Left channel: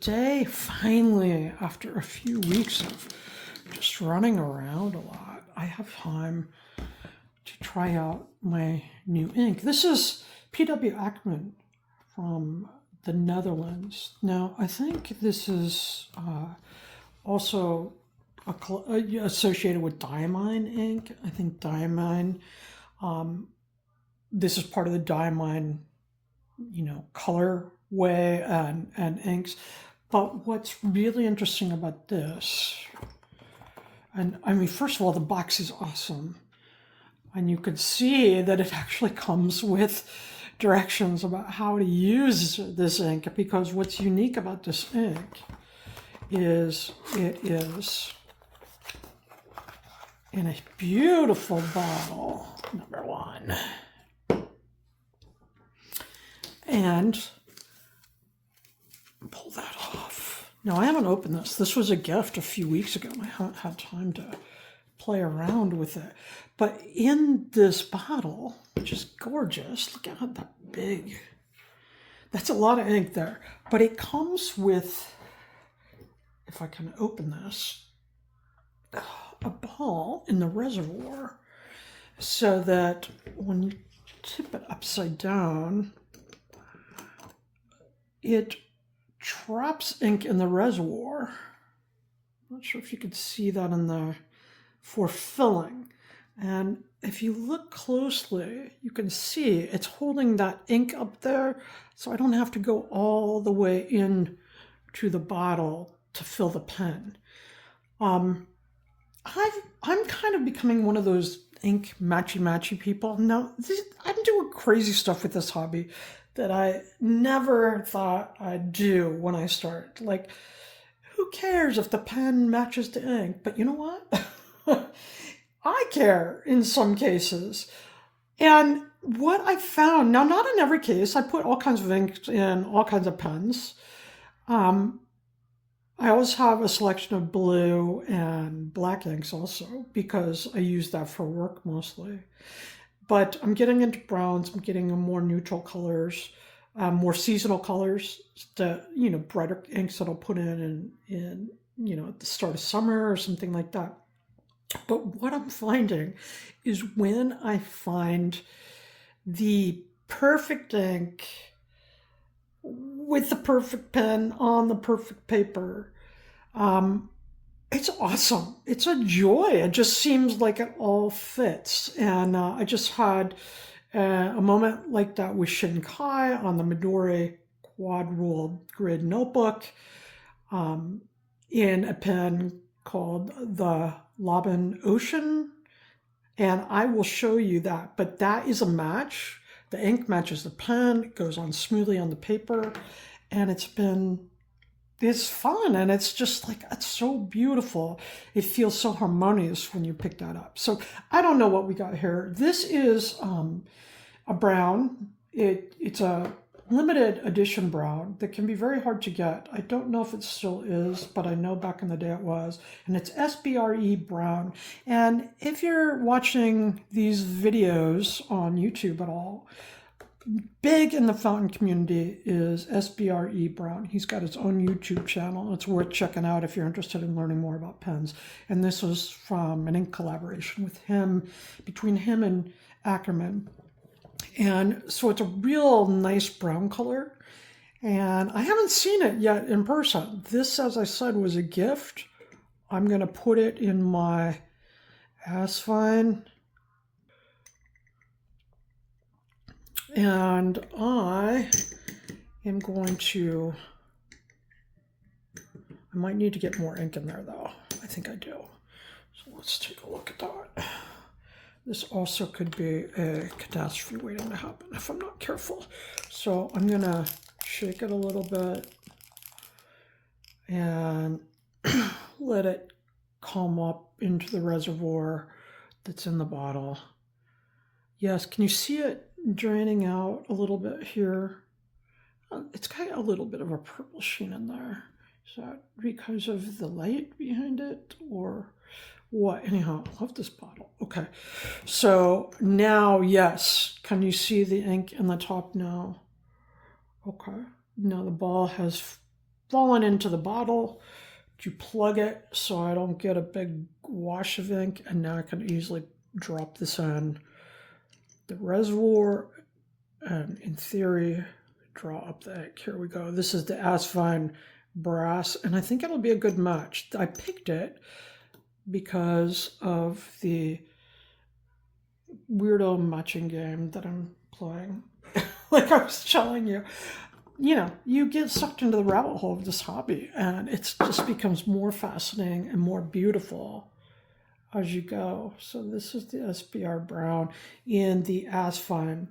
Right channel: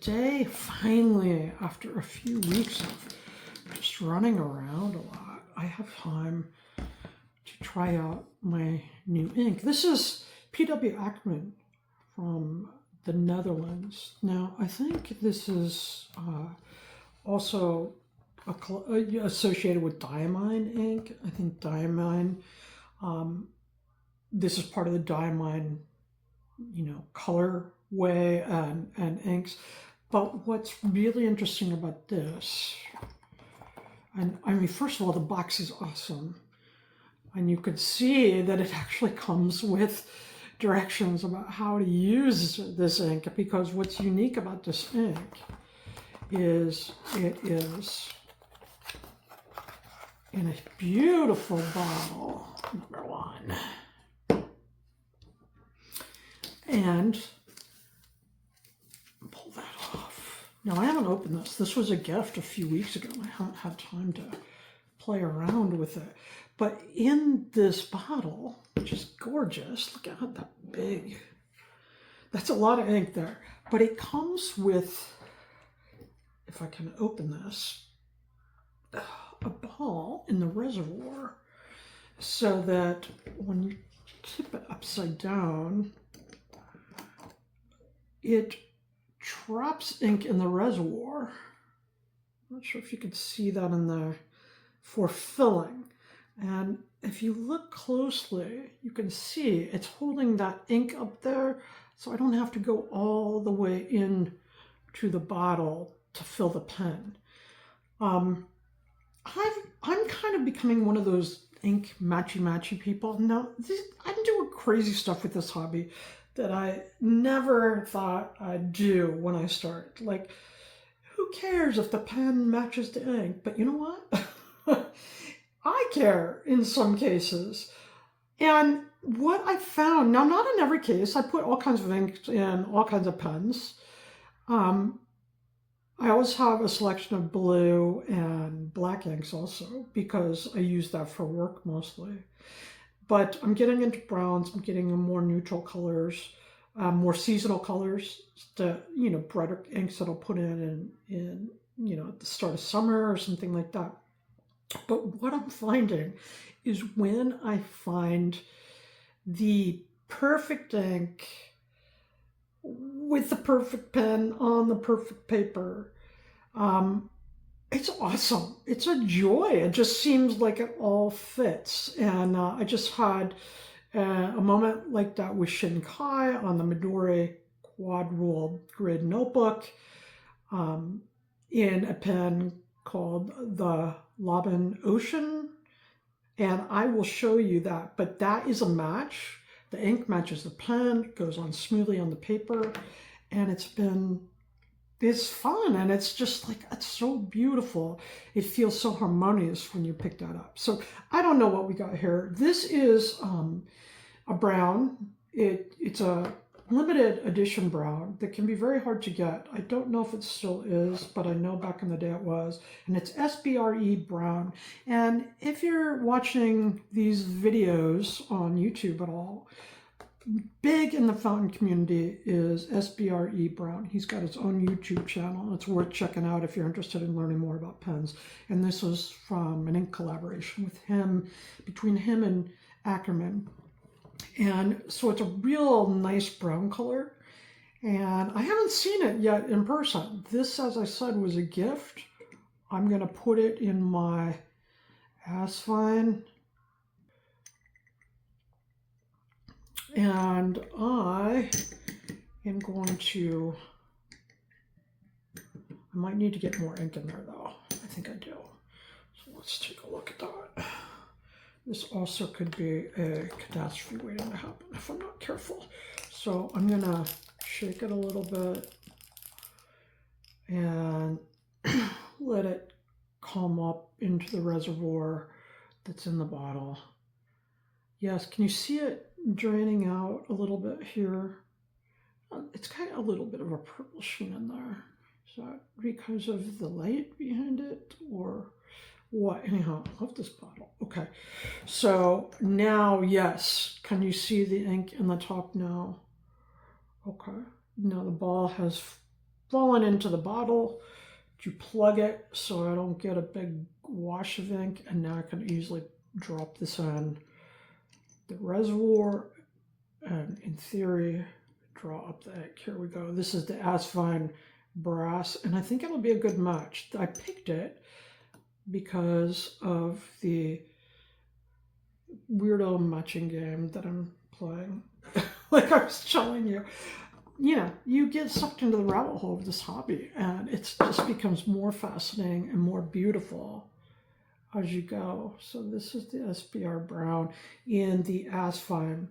today, finally, after a few weeks of just running around a lot, I have time to try out my new ink. This is P.W. Ackerman from the Netherlands. Now, I think this is also associated with Diamine ink. I think Diamine, this is part of the Diamine, color way and inks. But what's really interesting about this, and I mean, first of all, the box is awesome. And you can see that it actually comes with directions about how to use this ink, because what's unique about this ink is it is in a beautiful bottle, number one. And pull that off. Now, I haven't opened this. This was a gift a few weeks ago. I haven't had time to play around with it. But in this bottle, which is gorgeous, look at how that big. That's a lot of ink there. But it comes with, if I can open this, a ball in the reservoir so that when you tip it upside down, it traps ink in the reservoir. I'm not sure if you could see that in there for filling. And if you look closely, you can see it's holding that ink up there, so I don't have to go all the way in to the bottle to fill the pen. I'm kind of becoming one of those ink matchy people. Now, I'm doing crazy stuff with this hobby that I never thought I'd do when I started. Like, who cares if the pen matches the ink? But you know what? I care in some cases. And what I found, now not in every case, I put all kinds of inks in all kinds of pens. I always have a selection of blue and black inks also, because I use that for work mostly. But I'm getting into browns, I'm getting more neutral colors, more seasonal colors, the brighter inks that I'll put in at the start of summer or something like that. But what I'm finding is when I find the perfect ink with the perfect pen on the perfect paper, it's awesome. It's a joy. It just seems like it all fits. And I just had a moment like that with Shinkai on the Midori quad rule grid notebook in a pen called the Laban Ocean. And I will show you that. But that is a match. The ink matches the pen. It goes on smoothly on the paper. And it's fun, and it's just like, it's so beautiful. It feels so harmonious when you pick that up. So I don't know what we got here. This is a brown. It's a limited edition brown that can be very hard to get. I don't know if it still is, but I know back in the day it was. And it's SBRE Brown. And if you're watching these videos on YouTube at all, big in the fountain community is SBRE Brown. He's got his own YouTube channel. It's worth checking out if you're interested in learning more about pens. And this is from an ink collaboration with him, between him and Ackerman. And so it's a real nice brown color. And I haven't seen it yet in person. This, as I said, was a gift. I'm going to put it in my Asvine. And I am going to, I might need to get more ink in there though. I think I do. So let's take a look at that. This also could be a catastrophe waiting to happen if I'm not careful. So I'm going to shake it a little bit and let it come up into the reservoir that's in the bottle. Yes, can you see it draining out a little bit here? It's got a little bit of a purple sheen in there. Is that because of the light behind it or what? Anyhow, I love this bottle. Okay, so now, yes, can you see the ink in the top now? Okay, now the ball has fallen into the bottle. You plug it so I don't get a big wash of ink, and now I can easily drop this on the reservoir and in theory draw up the ink. Here we go. This is the Asvine Brass, and I think it'll be a good match. I picked it because of the weirdo matching game that I'm playing. Like I was telling you, you get sucked into the rabbit hole of this hobby, and it just becomes more fascinating and more beautiful as you go. So this is the SBRE Brown in the Asvine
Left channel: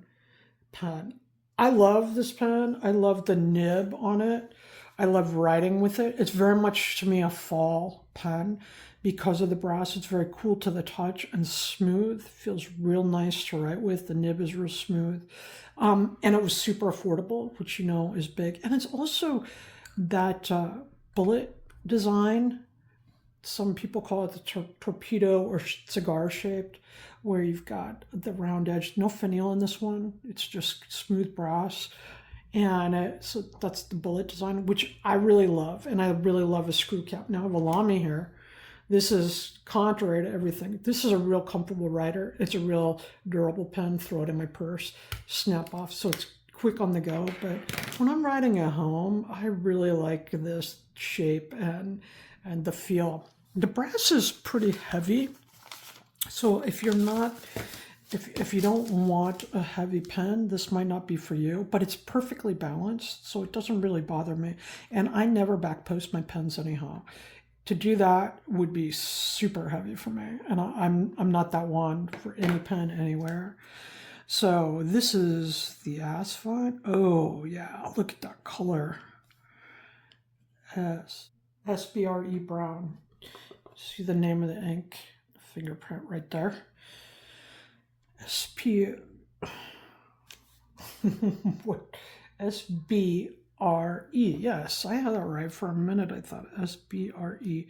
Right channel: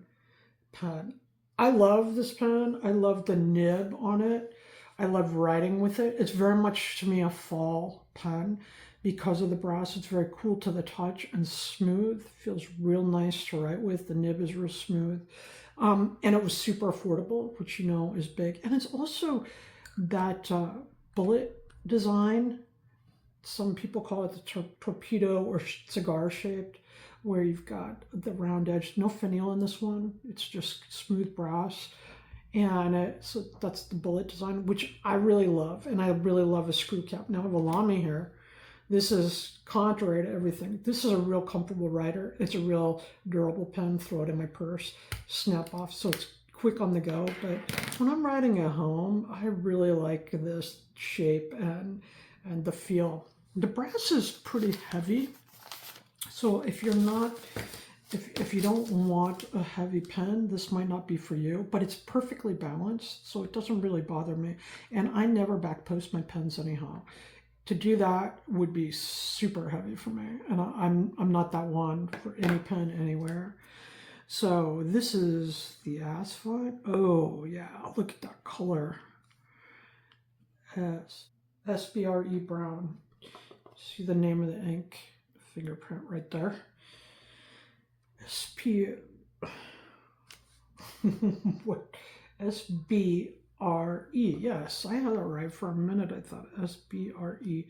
pen. I love this pen. I love the nib on it. I love writing with it. It's very much to me a fall pen because of the brass. It's very cool to the touch and smooth. Feels real nice to write with. The nib is real smooth. And it was super affordable, which is big. And it's also that bullet design. Some people call it the torpedo or cigar shaped, where you've got the round edge. No finial in this one. It's just smooth brass. And so that's the bullet design, which I really love. And I really love a screw cap. Now I have a Lamy here. This is contrary to everything. This is a real comfortable writer. It's a real durable pen. Throw it in my purse, snap off. So it's quick on the go. But when I'm writing at home, I really like this shape and the feel. The brass is pretty heavy. So if you're not, if you don't want a heavy pen, this might not be for you, but it's perfectly balanced. So it doesn't really bother me. And I never back post my pens anyhow. To do that would be super heavy for me, and I'm not that one for any pen anywhere. So this is the Asvine. Oh yeah, look at that color. SBRE Brown. See the name of the ink, fingerprint right there. What? SBRE. Yes, I had that right for a minute. I thought SBRE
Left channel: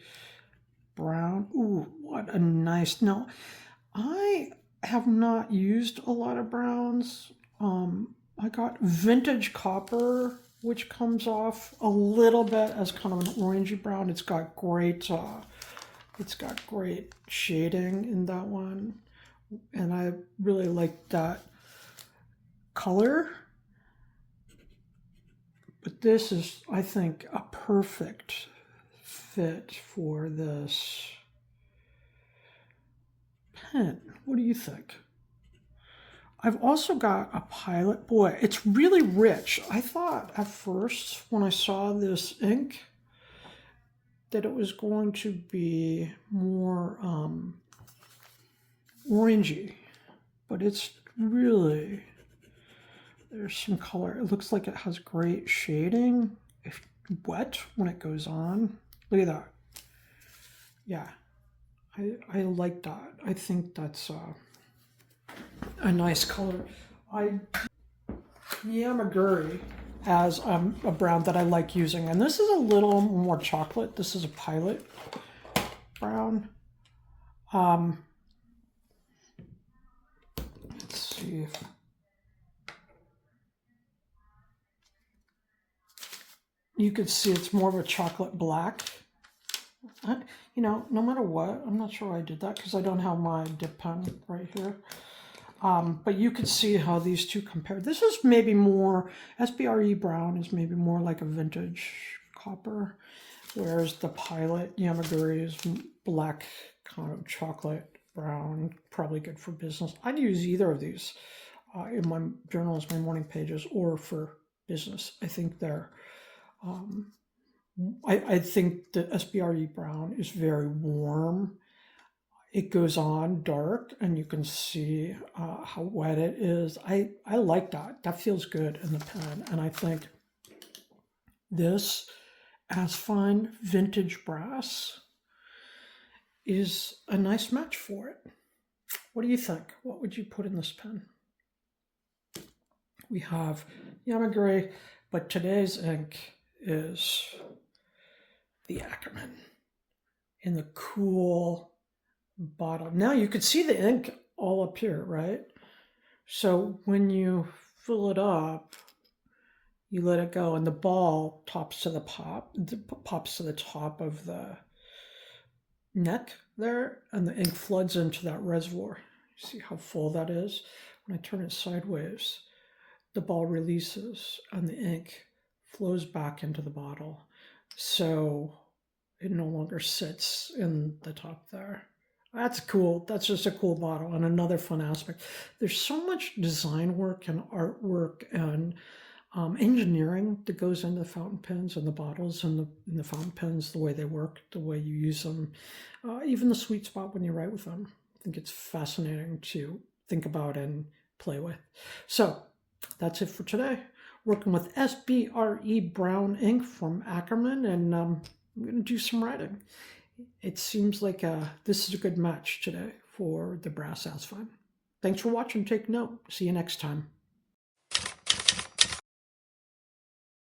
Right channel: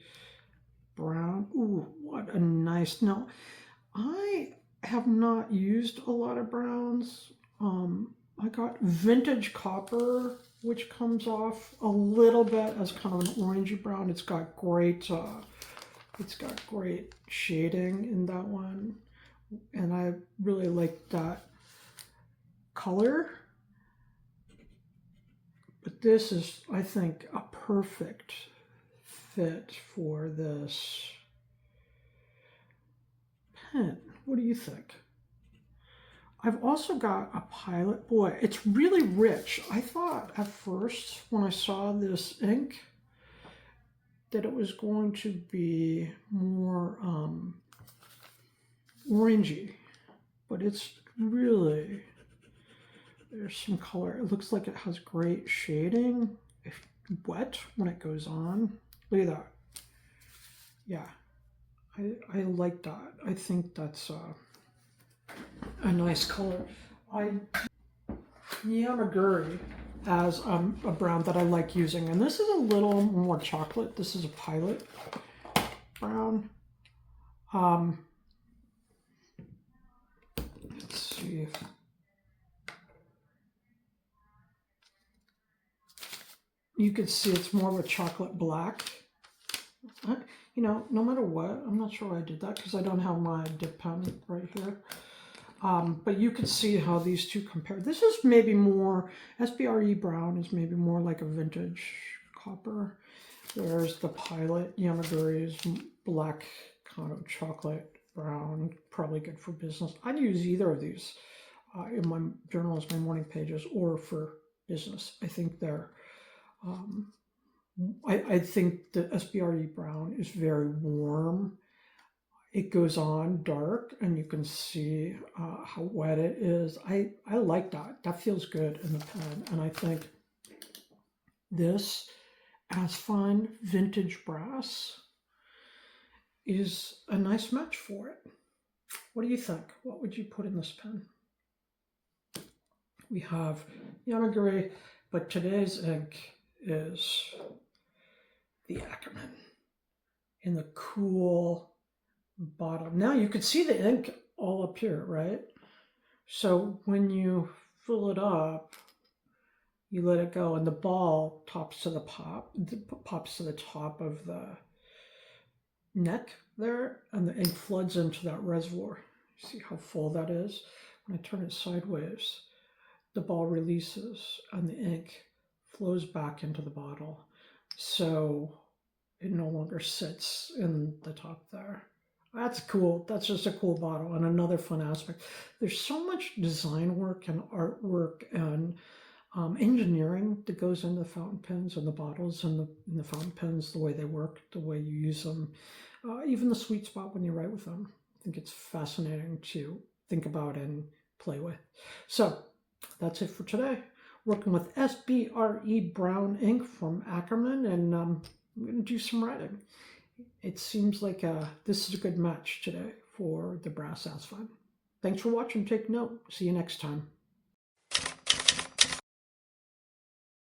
Brown. Ooh, what a nice. Now, I have not used a lot of browns. I got vintage copper, which comes off a little bit as kind of an orangey brown. It's got great shading in that one, and I really like that color. But this is, I think, a perfect fit for this pen. What do you think? I've also got a Pilot. Boy, it's really rich. I thought at first when I saw this ink that it was going to be more orangey, but it's really, there's some color. It looks like it has great shading. It's wet when it goes on. Look at that. Yeah, I like that. I think that's a nice color. Yamaguri as a brown that I like using, and this is a little more chocolate. This is a Pilot brown. Let's see if you can see it's more of a chocolate black. No matter what, I'm not sure I did that because I don't have my dip pen right here. But you can see how these two compare. This is maybe more, SBRE Brown is maybe more like a vintage copper, whereas the Pilot Yamaguri is black, kind of chocolate brown, probably good for business. I'd use either of these in my journals, my morning pages, or for business. I think they're, I think the SBRE Brown is very warm. It goes on dark and you can see how wet it is. I like that. That feels good in the pen. And I think this Asvine Vintage Brass is a nice match for it. What do you think? What would you put in this pen? We have Yamaguri, but today's ink is the Ackerman in the cool bottle. Now you can see the ink all up here, right? So when you fill it up, You let it go, and the ball pops to the top of the neck there, and the ink floods into that reservoir. See how full that is? When I turn it sideways, the ball releases and the ink flows back into the bottle. So it no longer sits in the top there. That's cool. That's just a cool bottle. And another fun aspect, there's so much design work and artwork and engineering that goes into the fountain pens and the bottles and the fountain pens, the way they work, the way you use them, even the sweet spot when you write with them. I think it's fascinating to think about and play with. So that's it for today. Working with SBRE Brown ink from Ackerman, and I'm going to do some writing. It seems like this is a good match today for the brass Asvine. Thanks for watching. Take note. See you next time.